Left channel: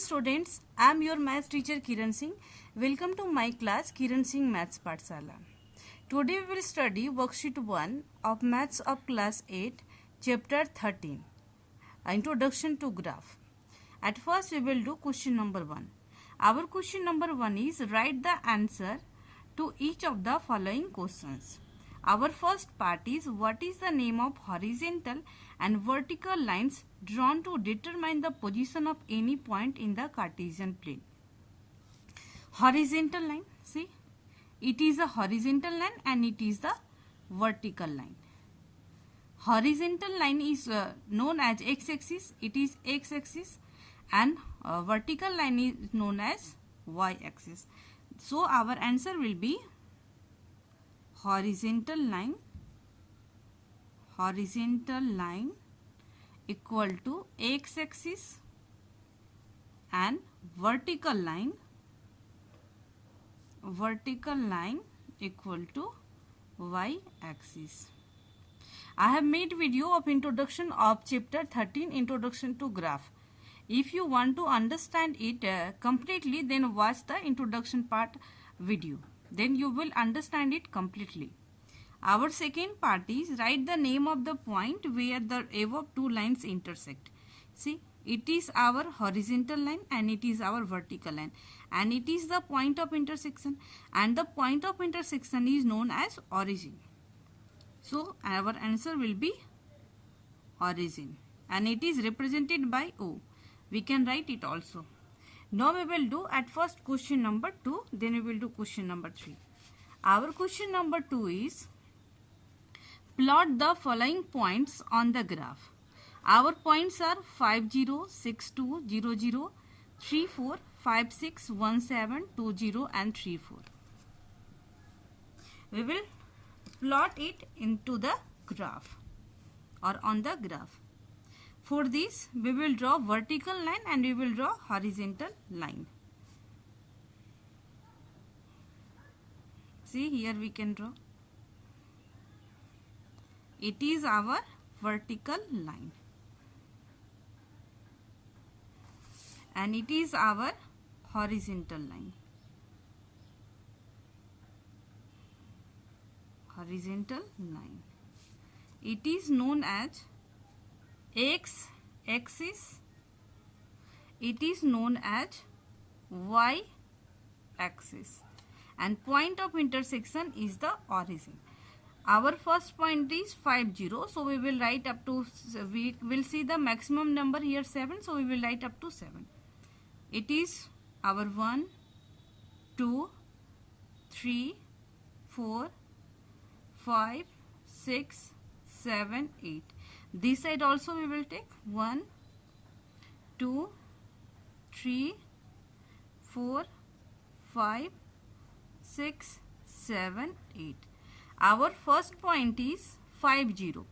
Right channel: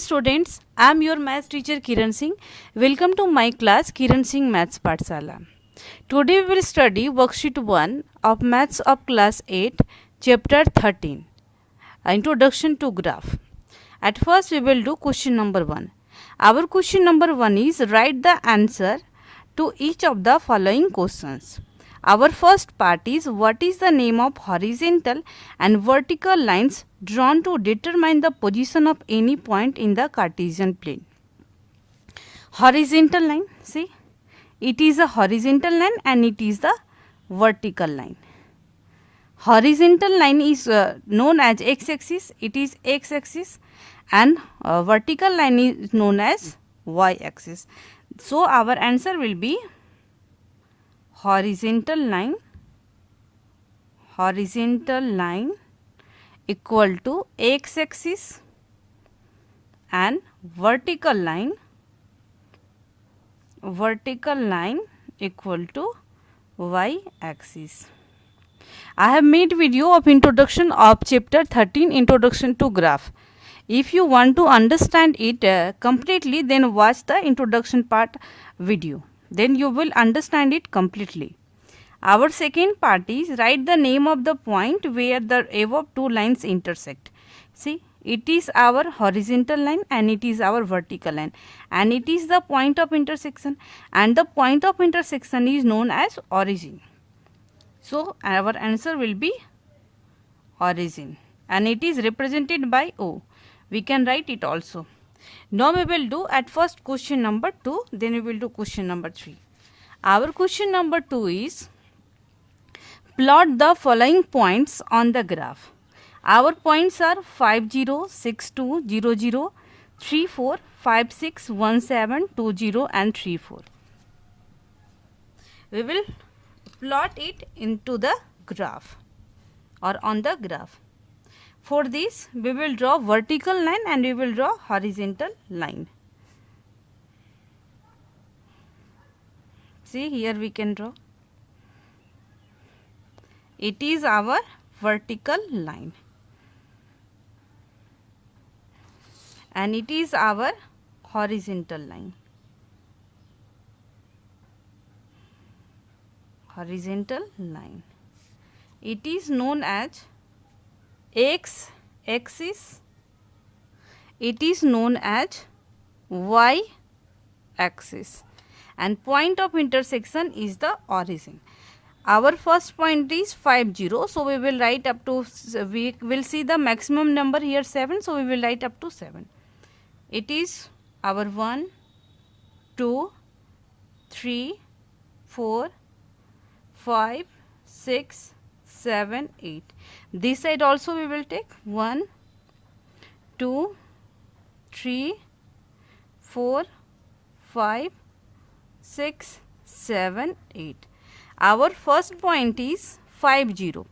students, I am your maths teacher Kiran Singh. Welcome to my class Kiran Singh Maths Pathshala. Today we will study worksheet 1 of Maths of class 8, chapter 13, Introduction to Graph. At first we will do question number 1. Our question number 1 is write the answer to each of the following questions. Our first part is what is the name of horizontal and vertical lines drawn to determine the position of any point in the Cartesian plane. Horizontal line, see, it is a horizontal line and it is the vertical line. Horizontal line is known as x-axis, it is x-axis, and vertical line is known as y-axis. So our answer will be horizontal line equal to x-axis and vertical line equal to y-axis. I have made video of introduction of chapter 13 introduction to graph. If you want to understand it completely, then watch the introduction part video. Then you will understand it completely. Our second part is write the name of the point where the above two lines intersect. See, it is our horizontal line and it is our vertical line, and it is the point of intersection, and the point of intersection is known as origin. So our answer will be origin, and it is represented by O. We can write it also. Now we will do at first question number 2, then we will do question number 3. Our question number 2 is plot the following points on the graph. Our points are 5 0, 6 2, 0 0, 3 4, 5 6, 1 7, 2 0 and 3 4. We will plot it into the graph or on the graph. For this, we will draw vertical line and we will draw horizontal line. See, here we can draw. It is our vertical line and it is our horizontal line. It is known as x-axis, it is known as y-axis, and point of intersection is the origin. Our first point is 5 0, so we will write up to, we will see the maximum number here 7, so we will write up to 7. It is our 1, 2, 3, 4, 5, 6, 7, 8. This side also we will take 1, 2, 3, 4, 5, 6, 7, 8. Our first point is 5 0.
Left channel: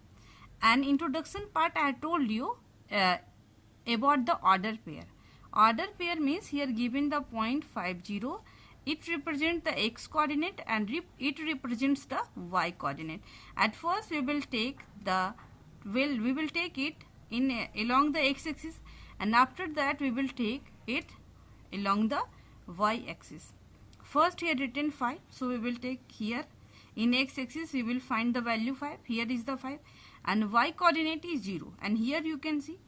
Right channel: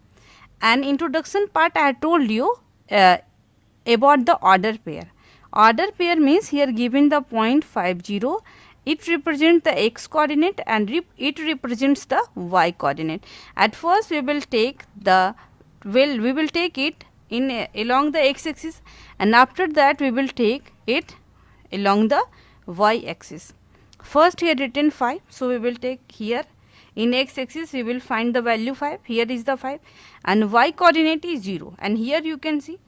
And introduction part I told you about the order pair. Order pair means here given the point 5 0, it represents the x coordinate and it represents the y coordinate. At first we will take the we will take it in along the x-axis, and after that we will take it along the y-axis. First here written 5, so we will take here in x-axis we will find the value 5. Here is the 5 and y coordinate is 0, and here you can see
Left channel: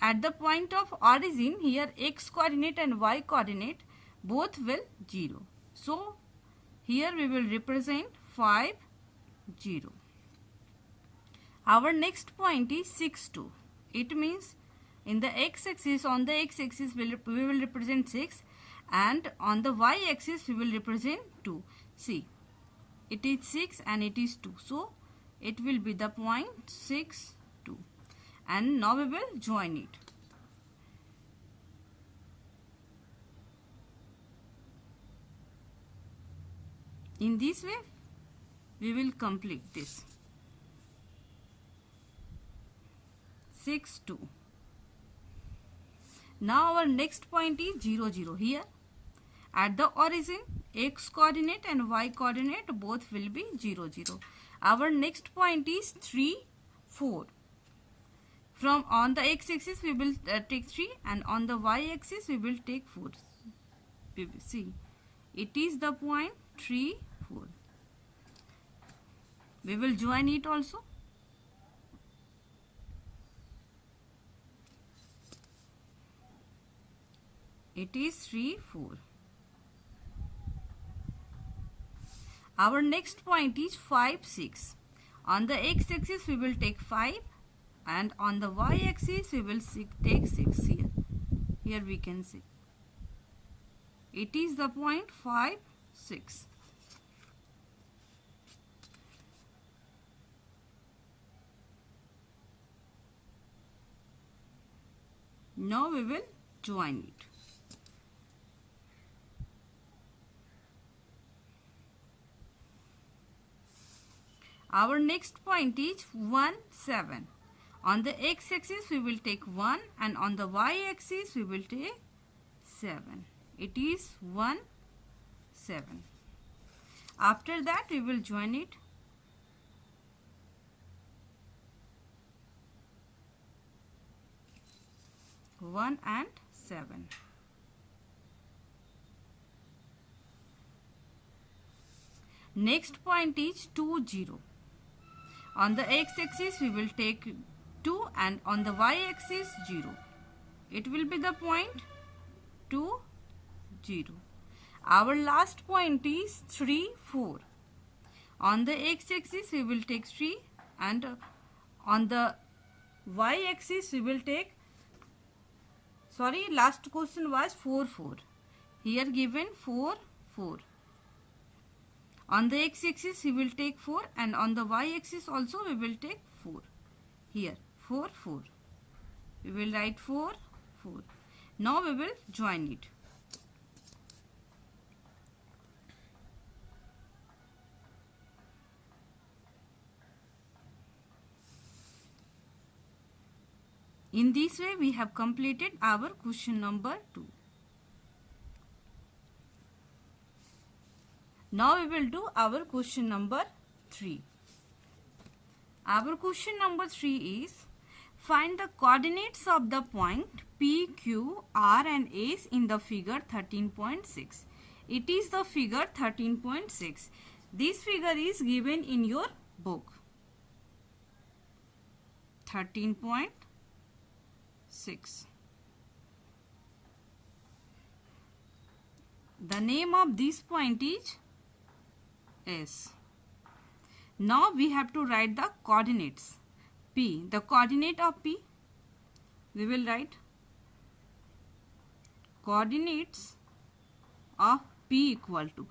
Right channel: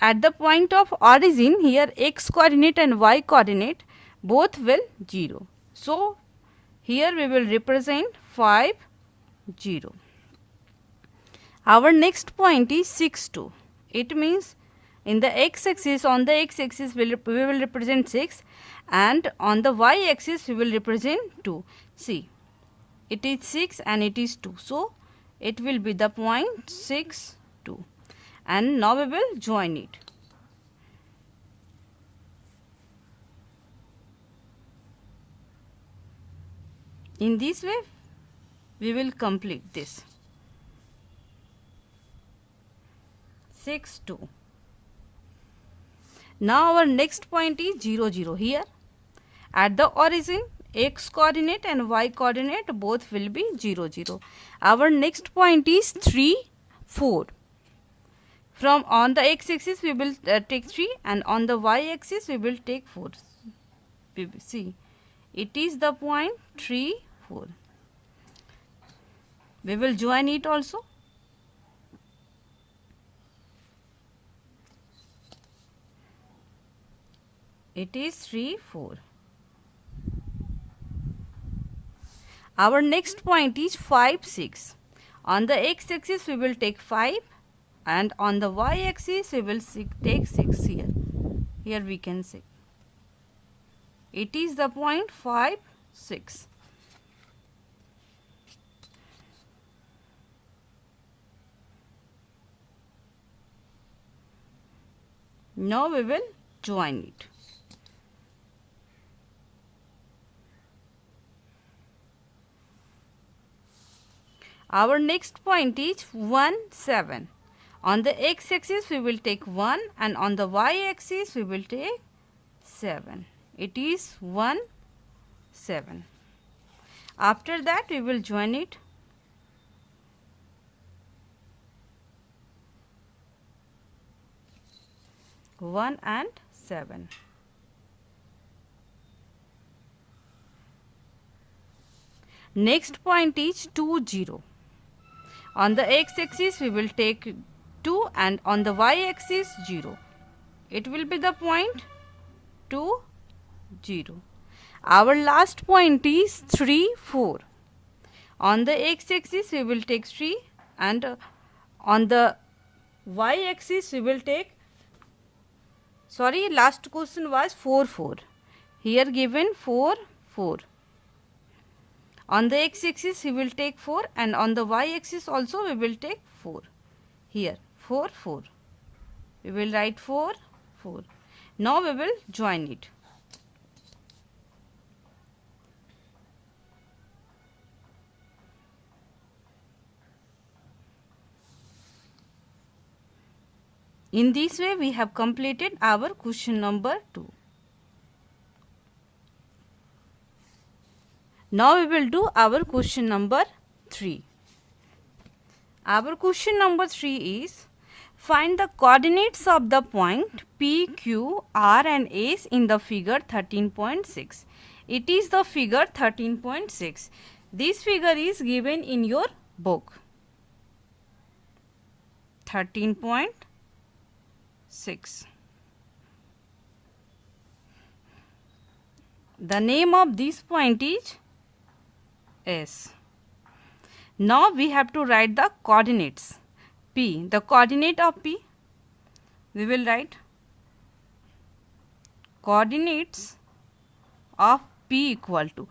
at the point of origin here x coordinate and y coordinate both will 0. So here we will represent 5 0. Our next point is 6 2. It means in the x-axis, on the x-axis we will represent 6, and on the y-axis we will represent 2. See, it is 6 and it is 2. So it will be the point 6 2. And now we will join it. In this way we will complete this. 6 2. Now our next point is 0 0. Here at the origin x coordinate and y coordinate both will be 0 0. Our next point is 3 4. From on the x-axis we will take 3 and on the y-axis we will take 4. See, it is the point 3, 4. We will join it also. It is 3, 4. Our next point is 5, 6. On the x-axis we will take 5 and on the y-axis we will take 6 here. Here we can see. It is the point 5, 6. Now we will join it. Our next point is 1, 7. On the x-axis we will take 1 and on the y-axis we will take 7. It is 1, 7. After that we will join it. One and 7. Next point is 2, 0. On the x-axis we will take 2 and on the y-axis 0. It will be the point 2, 0. Our last point is 3, 4. On the x-axis we will take 3 and on the y-axis we will take, last question was 4, 4. Here given 4, 4. On the x-axis we will take 4 and on the y-axis also we will take 4. Here 4, 4. We will write 4, 4. Now we will join it. In this way we have completed our question number 2. Now we will do our question number 3. Our question number 3 is, find the coordinates of the point P, Q, R and S in the figure 13.6. It is the figure 13.6. This figure is given in your book. 13.6. The name of this point is S. Now we have to write the coordinates. P, the coordinate of P, we will write coordinates of P equal to,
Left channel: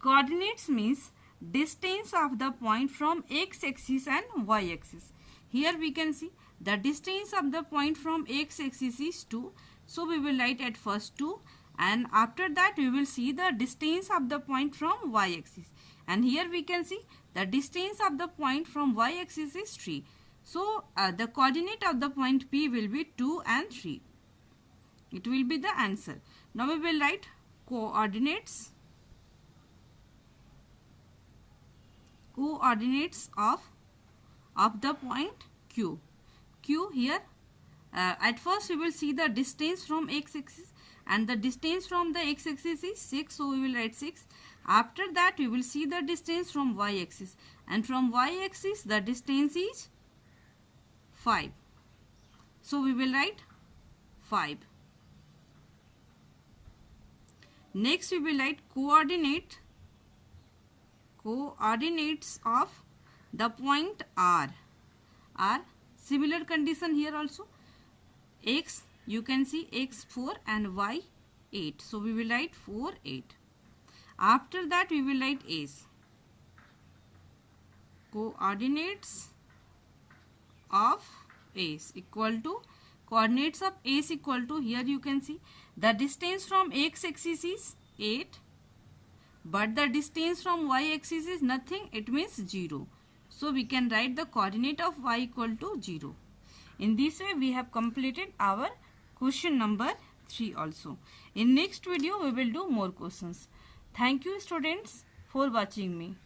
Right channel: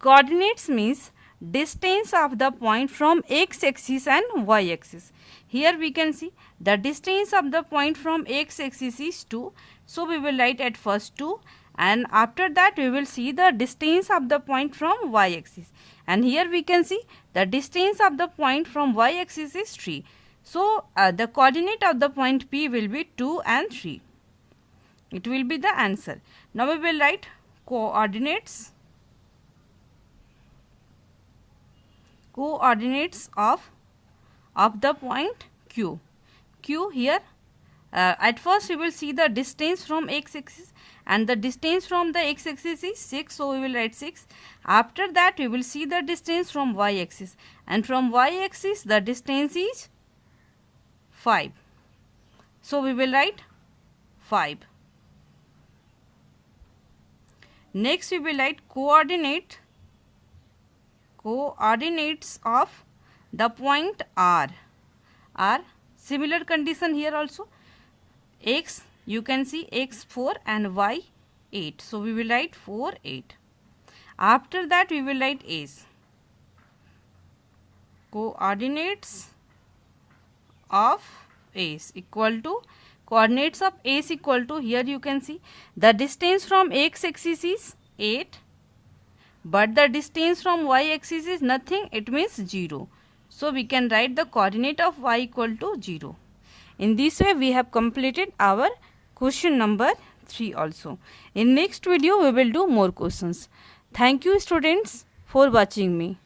coordinates means distance of the point from x-axis and y-axis. Here we can see the distance of the point from x-axis is 2. So we will write at first 2 and after that we will see the distance of the point from y-axis. And here we can see the distance of the point from y-axis is 3. So the coordinate of the point P will be 2 and 3. It will be the answer. Now we will write coordinates of the point Q. Q here, at first we will see the distance from x-axis and the distance from the x-axis is 6, so we will write 6. After that we will see the distance from y-axis and from y-axis the distance is 5. So we will write 5. Next we will write coordinates of the point R. Similar condition here also. X, you can see x 4 and y 8. So we will write 4, 8. After that we will write S. Coordinates of S equal to, coordinates of S equal to, here you can see the distance from x-axis is 8 but the distance from y-axis is nothing, it means 0. So we can write the coordinate of y equal to 0. In this way we have completed our question number 3 also. In next video we will do more questions. Thank you students for watching me.